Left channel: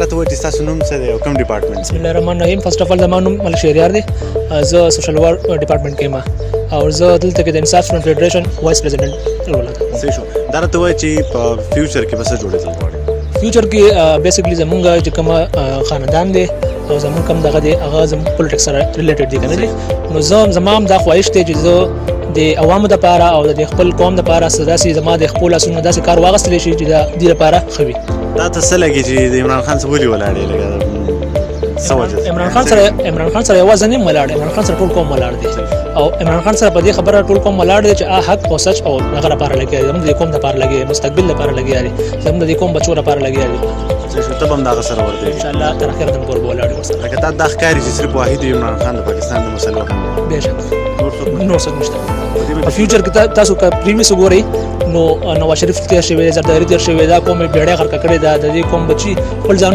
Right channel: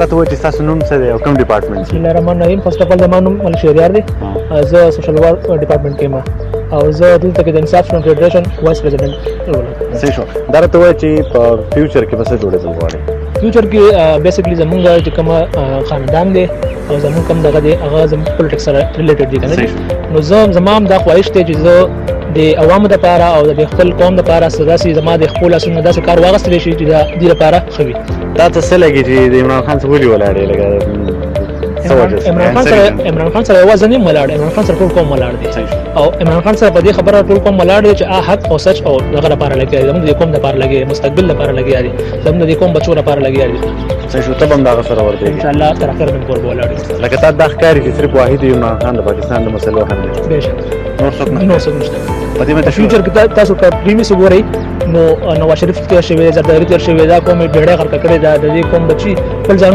راته وایي چې ستاسو نوم څه دی او کوم ډپارټمنټ بسم الله الرحمن الرحیم. فرست اف ال زما نوم ملک شهریار دی. زه سوشل ورک ډپارټمنټ کې یم او زه دلته کې د انصاف فرنٹ فیډریشن وایس پریزیډنټ رول لرم. صحیح شو. دا راته وایي چې په فیوچر کې به څه جوړېدل غواړئ؟ فیوچر کې بیسیکلی زمونږ چې کوم خاندان دی او زمونږ کوم دغه دی هغه زموږ پولیټکس سره ریلیټډ دي کنه. نو زما هم دا خواهش دی چې زه د عوامو لپاره او د خپل قوم لپاره سداسي زما د خپل اسونو داسې کار واغستلی شي چې د دې لپاره ښه وي. دا ته څه لګي چې د عمران خان څخه ولې ولاړې لګا عمران خان سره یوازې نه ولاړ، عمران خان سره ټول قوم ولاړ دی او عمران خان سره په دې خبره ټول قوم ولاړ دی چې حق او سچ او دغه لپاره لګي، زموږ د قوم لپاره لګي، مستقبل لپاره لګي، زموږ د قوم بچو لپاره لګي. صحیح شو. ته هم دا سره ورته ان شاء الله تر اخره د کور ولاړ لکه تا دا ښکاري چې صرف واحد عمران خان د پاکستان د مسلو هم دی. بهشکه نور څوک نه. نور څوک نشته. په دې باندې فیوچر کې تاسو کا پریمیس وګورئ نو نواز شریف تیر شوی، زرداری تیر شوی، دا کومه بیړۍ غرق کړې ده، د دې کوم بچي خپل ځان